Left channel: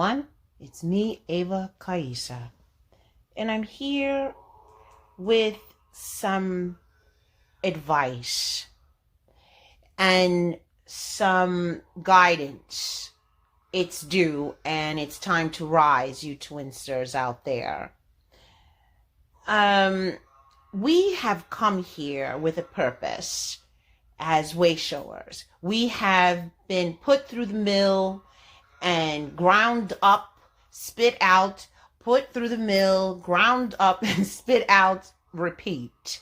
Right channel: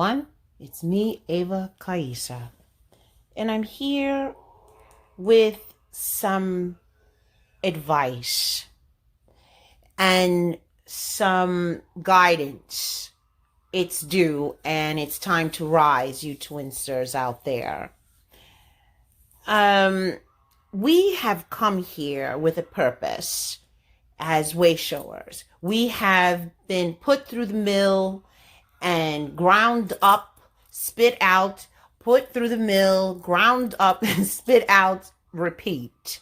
everyone. It's me, Ava Kaisa, and I'm here with some advice and some guidance. It's due, and it's time to rise, you TwinStarz out there. We have come here with a purpose as way showers. We have been put through the mill and ground up, spit out, put through the mill, ground up and spit out, repeat.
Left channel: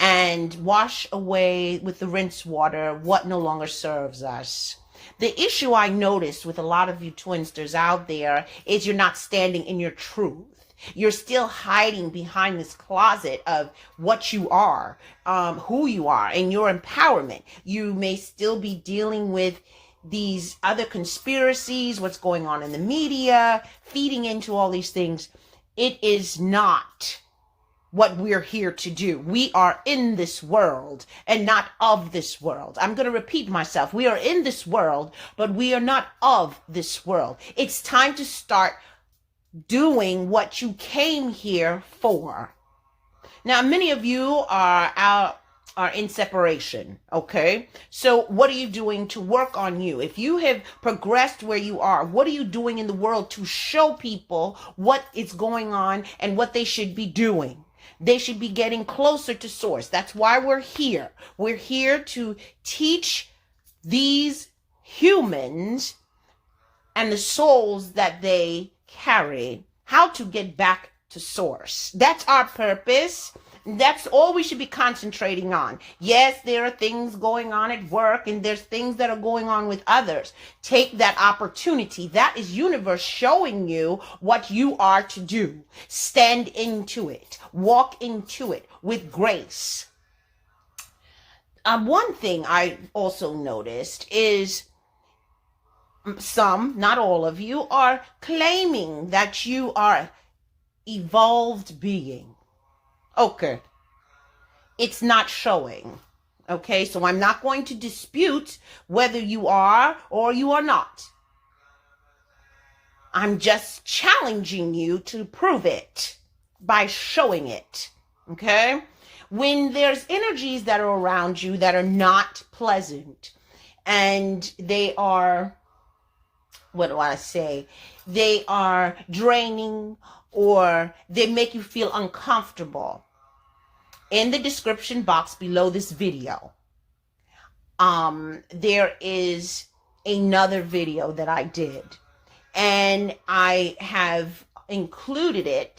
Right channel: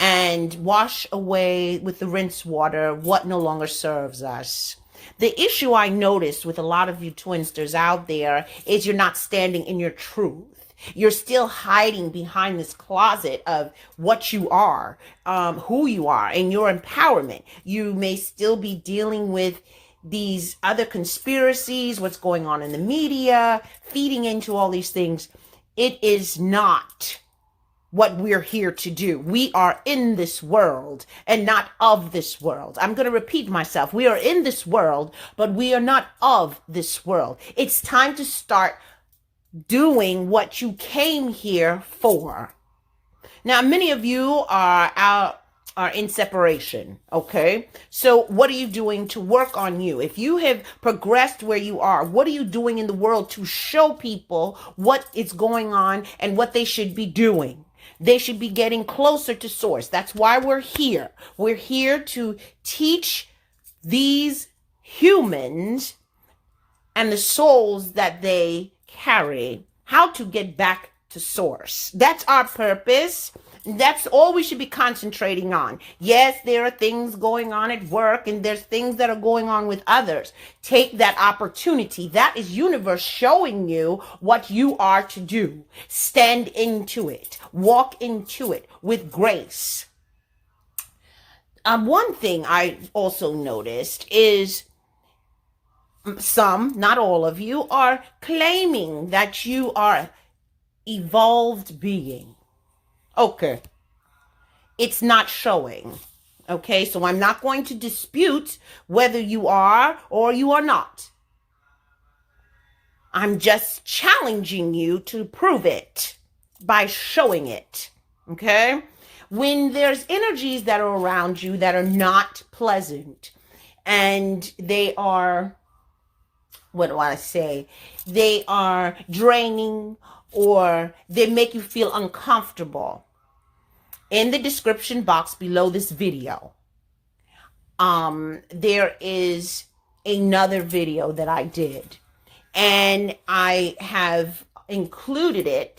And wash away with the rinse water what no longer serves us. The issue I noticed with a lot of you TwinStarz out there is you're not standing in your truth. You're still hiding behind this closet of what you are, who you are, and your empowerment. You may still be dealing with these other conspiracies, what's going on in the media, feeding into all these things. It is not what we're here to do. We are in this world and not of this world. I'm going to repeat myself. We are in this world, but we are not of this world. It's time to start doing what you came here for. Now, many of you are in separation, okay? So what are you doing to work on you? If you have progressed where you are, what are you doing in the world to show people what is going on and what they should be doing? They should be getting closer to source. That's why we're here. We're here to teach these humans and the souls that they carry how to get back to source. That's our purpose. That's all we should be concentrating on. Yes, there are things going on at work and there's things that are going on with others. Take that opportunity. That is universe showing you what you are to do. Stand into it. Walk into it with grace. One thing I also noticed is some, not all of you, are claiming that you are evolved being. Okay. It's not showing. Okay. So I'm not going to dispute whether you are or you are not. I'm just challenging you to prove it by showing it. Okay. When there's energies that are around you that are not pleasant and they are, what do I say? They are draining or they make you feel uncomfortable. In the description box below this video, there is another video that I did, and I have included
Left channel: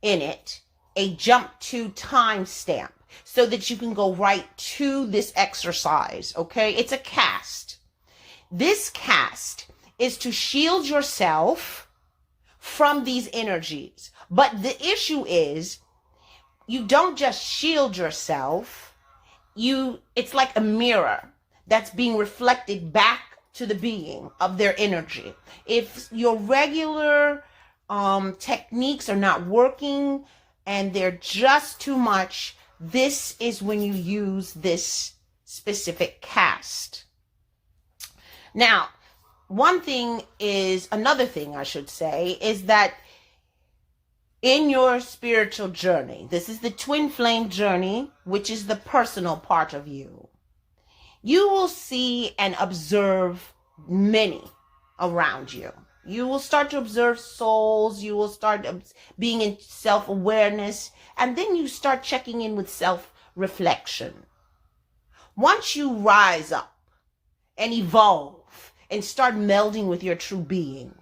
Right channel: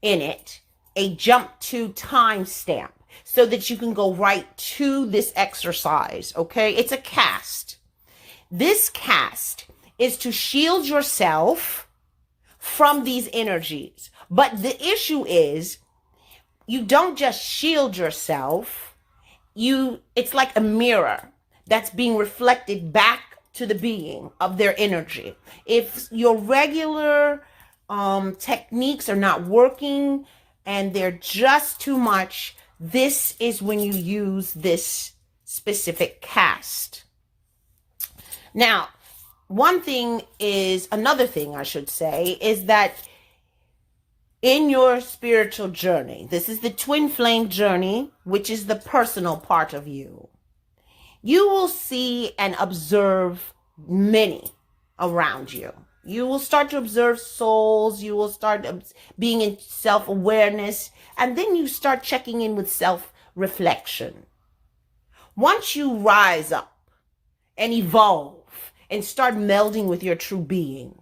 in it a jump to timestamp so that you can go right to this exercise. Okay, it's a cast. This cast is to shield yourself from these energies, but the issue is, you don't just shield yourself. It's like a mirror that's being reflected back to the being of their energy. If your regular techniques are not working and they're just too much, this is when you use this specific cast. Now, another thing I should say is that in your spiritual journey, this is the twin flame journey, which is the personal part of you. You will see and observe many around you. You will start to observe souls. You will start being in self-awareness. And then you start checking in with self-reflection. Once you rise up and evolve and start melding with your true being,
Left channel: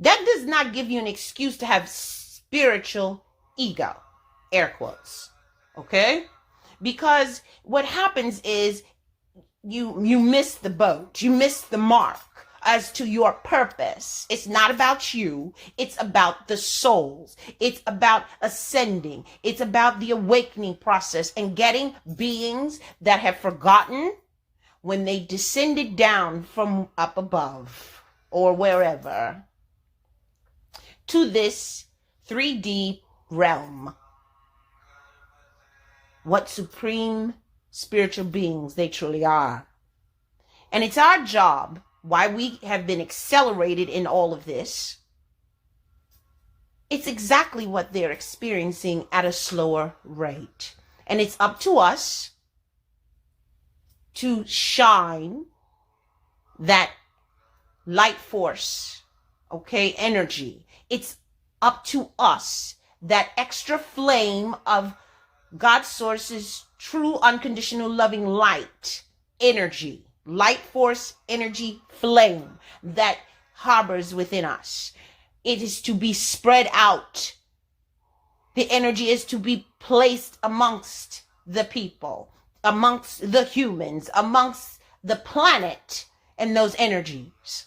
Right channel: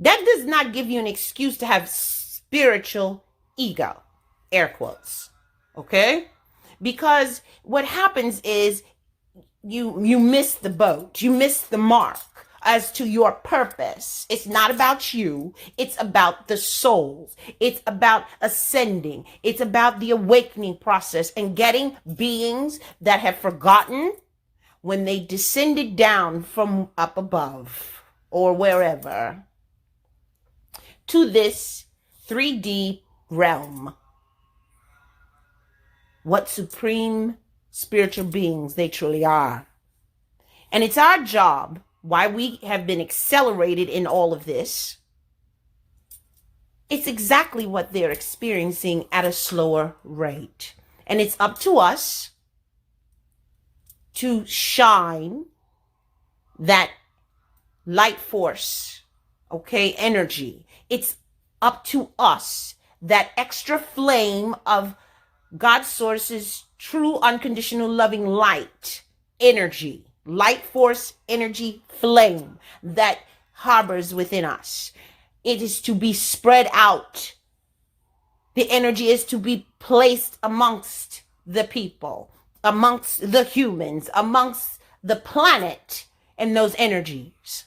that does not give you an excuse to have spiritual ego, air quotes, okay? Because what happens is you miss the boat, you miss the mark as to your purpose. It's not about you, it's about the souls. It's about ascending. It's about the awakening process and getting beings that have forgotten when they descended down from up above or wherever to this 3D realm. What supreme spiritual beings they truly are. And it's our job why we have been accelerated in all of this, it's exactly what they're experiencing at a slower rate. And it's up to us to shine that light force, okay, energy. It's up to us, that extra flame of God's source's true, unconditional, loving light, energy, light force, energy, flame that harbors within us. It is to be spread out. The energy is to be placed amongst the people, amongst the humans, amongst the planet, and those energies.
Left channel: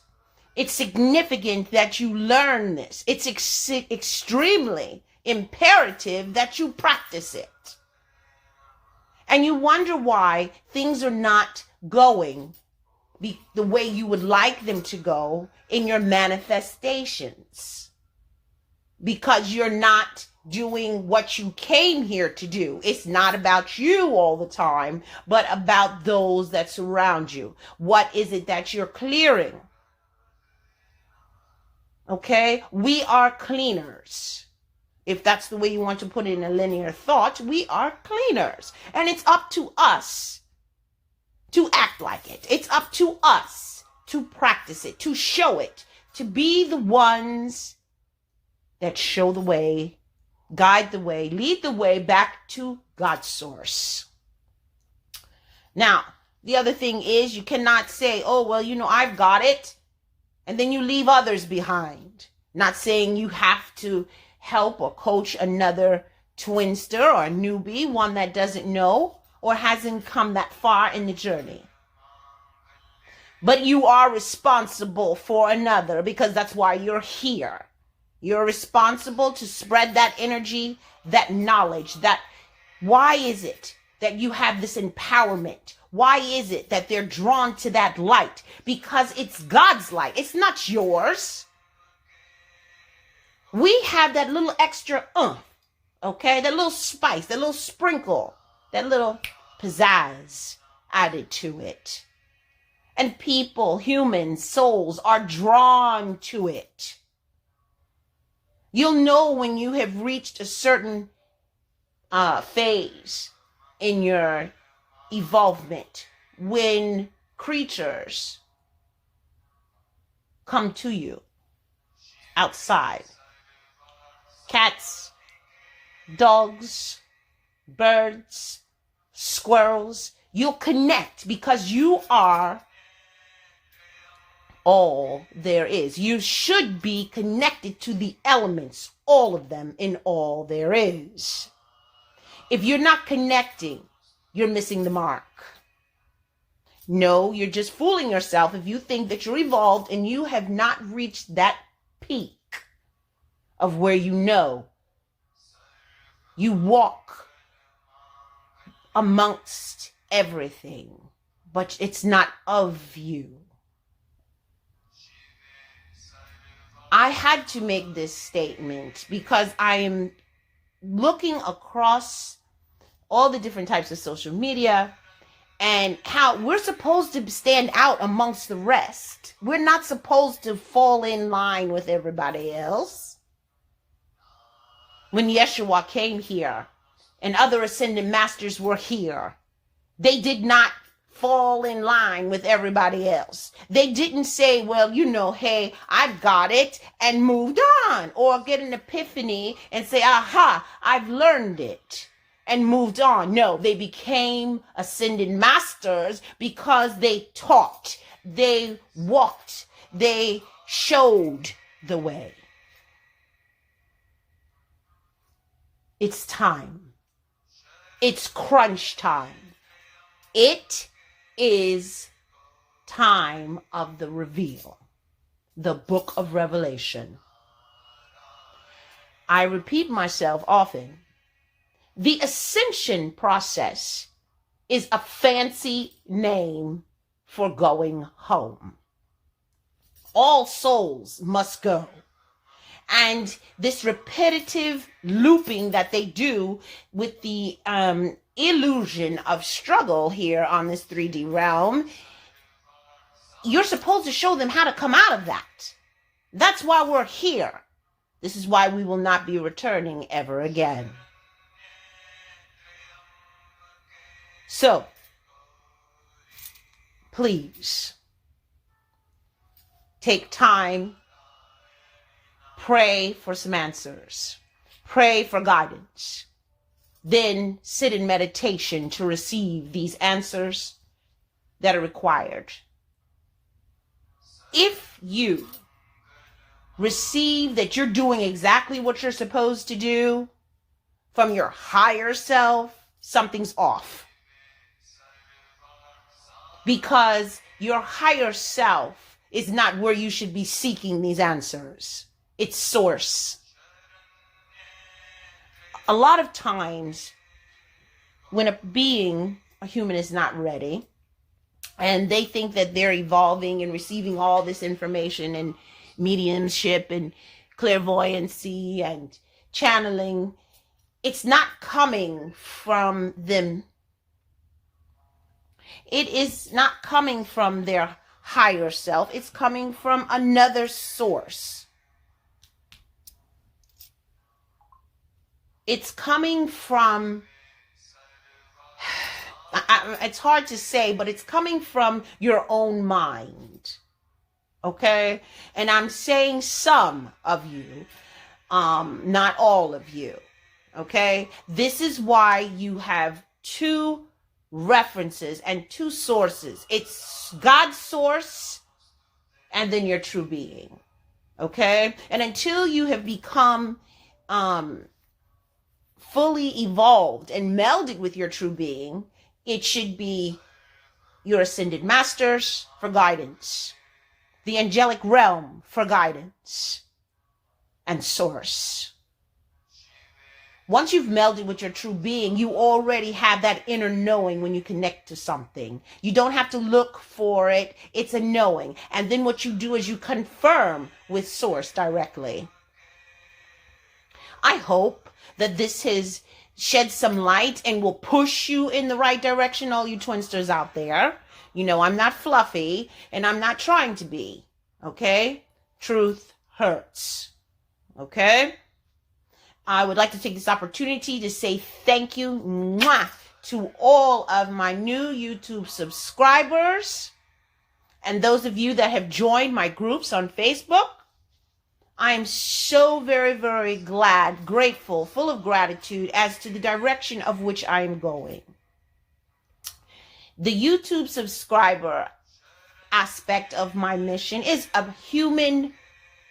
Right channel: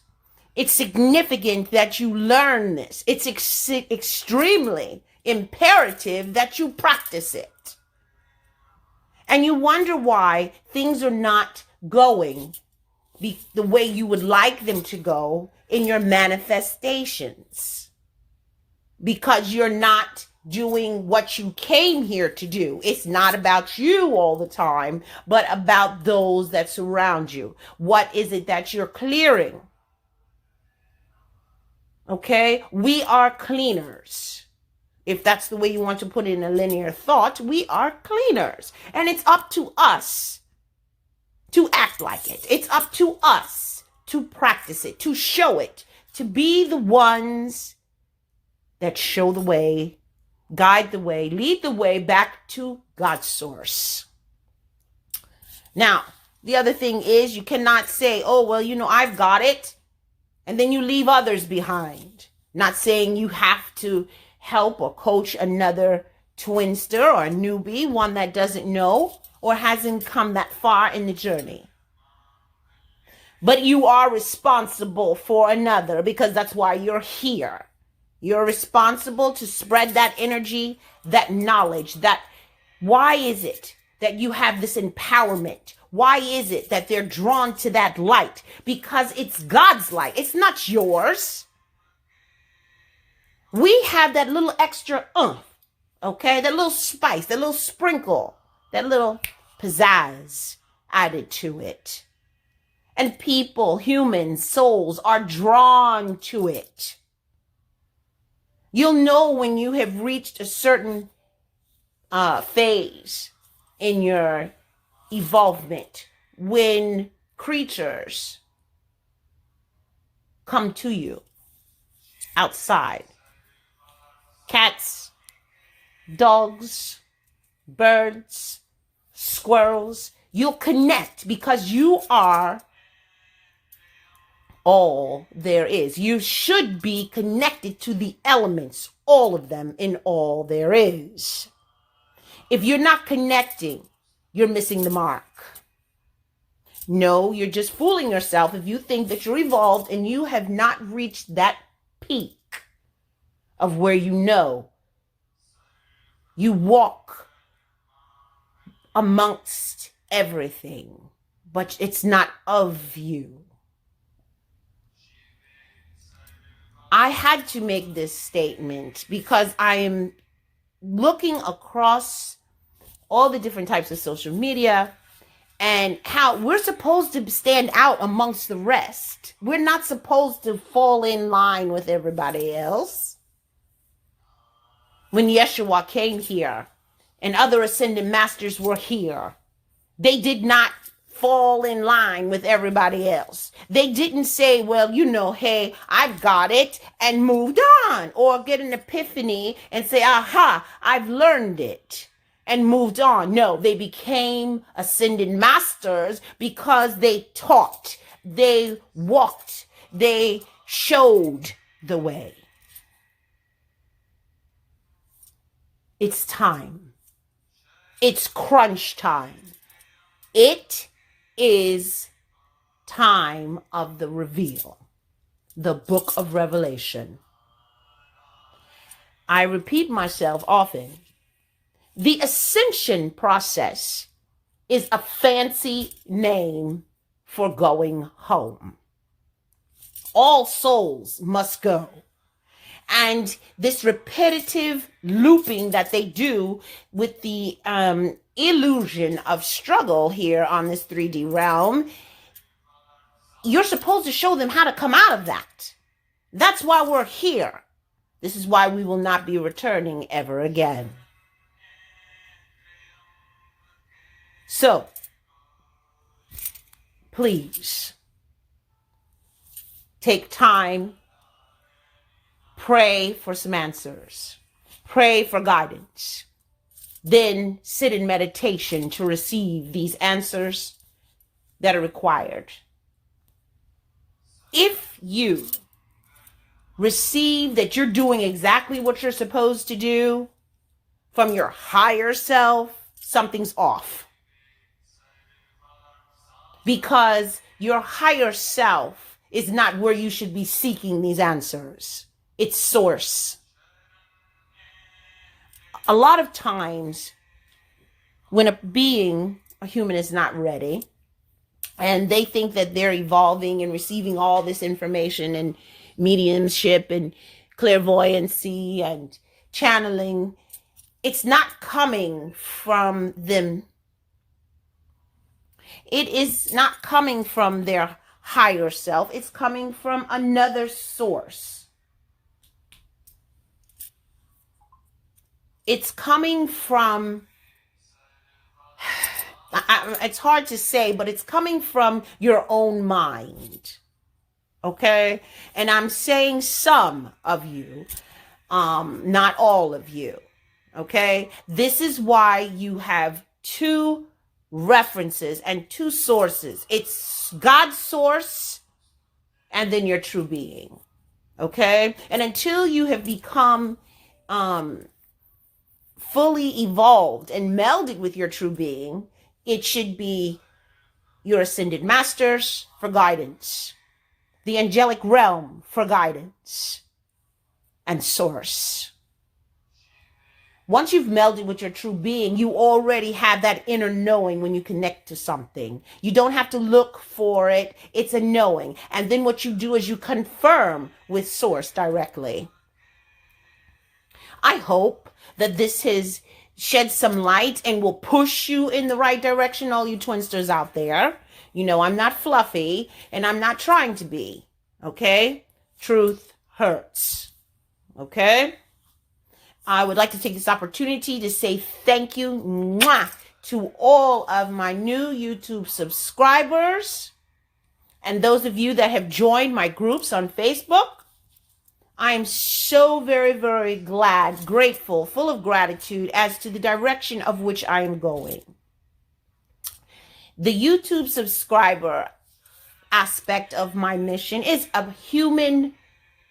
It's significant that you learn this. It's extremely imperative that you practice it. And you wonder why things are not going the way you would like them to go in your manifestations. Because you're not doing what you came here to do. It's not about you all the time, but about those that surround you. What is it that you're clearing? Okay? We are cleaners. If that's the way you want to put it in a linear thought, we are cleaners. And it's up to us to act like it. It's up to us to practice it, to show it, to be the ones that show the way, guide the way, lead the way back to God's source. Now, the other thing is you cannot say, oh, well, I've got it, and then you leave others behind. Not saying you have to help or coach another twinster or a newbie, one that doesn't know or hasn't come that far in the journey. But you are responsible for another, because that's why you're here. You're responsible to spread that energy, that knowledge, why is it that you have this empowerment? Why is it that they're drawn to that light? Because it's God's light. It's not yours. We have that little extra okay? That little spice, that little sprinkle, that little pizzazz added to it. And people, humans, souls are drawn to it. You'll know when you have reached a certain phase in your evolvement, when creatures come to you outside. Cats, dogs, birds, squirrels. You'll connect because you are all there is. You should be connected to the elements, all of them, in all there is. If you're not connecting, you're missing the mark. No, you're just fooling yourself if you think that you're evolved and you have not reached that peak of where you walk amongst everything, but it's not of you. I had to make this statement because I am looking across all the different types of social media and how we're supposed to stand out amongst the rest. We're not supposed to fall in line with everybody else. When Yeshua came here and other ascended masters were here, they did not fall in line with everybody else. They didn't say, well, hey, I've got it, and moved on, or get an epiphany and say, aha, I've learned it and moved on. No, they became ascended masters because they taught, they walked, they showed the way. It's time. It's crunch time. It is time of the reveal, the book of Revelation. I repeat myself often. The ascension process is a fancy name for going home. All souls must go. And this repetitive looping that they do with the illusion of struggle here on this 3D realm you're supposed to show them how to come out of that. That's why we're here. This is why we will not be returning ever again. So, please, take time, pray for some answers, pray for guidance, then sit in meditation to receive these answers that are required. If you receive that you're doing exactly what you're supposed to do from your higher self, something's off. Because your higher self is not where you should be seeking these answers. It's source. A lot of times when a human is not ready, and they think that they're evolving and receiving all this information and mediumship and clairvoyancy and channeling, it's not coming from them. It is not coming from their higher self. It's coming from another source. It's coming from, it's hard to say, but it's coming from your own mind. Okay? And I'm saying some of you, not all of you. Okay? This is why you have two references and two sources. It's God's source and then your true being. Okay? And until you have become fully evolved and melded with your true being, it should be your ascended masters for guidance, the angelic realm for guidance, and source. Once you've melded with your true being, you already have that inner knowing when you connect to something. You don't have to look for it. It's a knowing. And then what you do is you confirm with source directly. I hope that this has shed some light and will push you in the right direction, all you twinsters out there. You know, I'm not fluffy and I'm not trying to be. Okay? Truth hurts. Okay? I would like to take this opportunity to say thank you to all of my new YouTube subscribers and those of you that have joined my groups on Facebook. I am so very, very glad, grateful, full of gratitude as to the direction of which I am going. The YouTube subscriber aspect of my mission is a human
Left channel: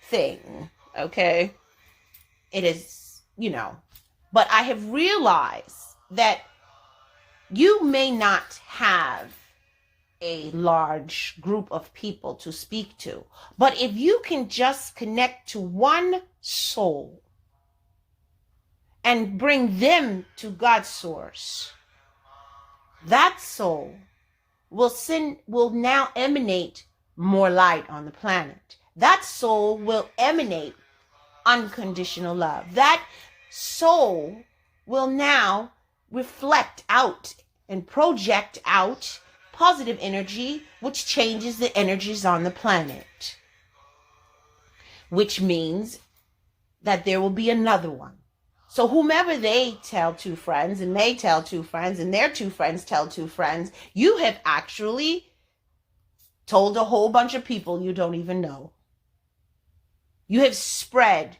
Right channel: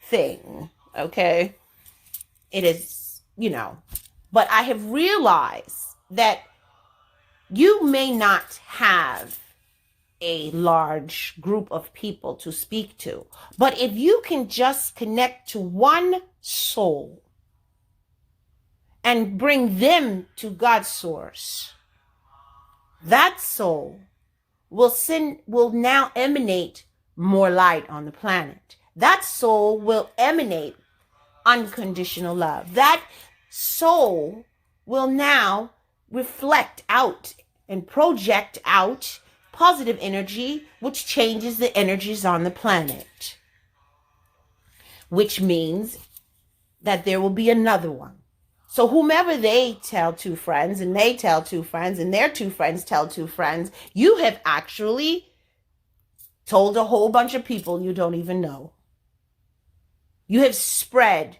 thing, okay? It is, but I have realized that you may not have a large group of people to speak to, but if you can just connect to one soul and bring them to God's source, that soul will now emanate more light on the planet. That soul will emanate unconditional love. That soul will now reflect out and project out positive energy, which changes the energies on the planet. Which means that there will be another one. So whomever they tell two friends, and they tell two friends, and their two friends tell two friends, you have actually told a whole bunch of people you don't even know. You have spread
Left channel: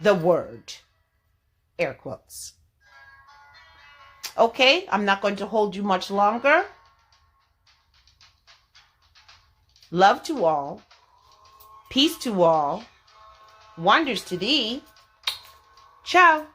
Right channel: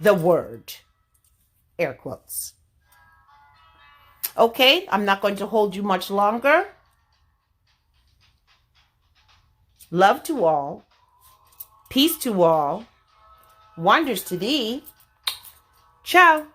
the word. Air quotes. Okay, I'm not going to hold you much longer. Love to all. Peace to all. Wonders to thee. Ciao.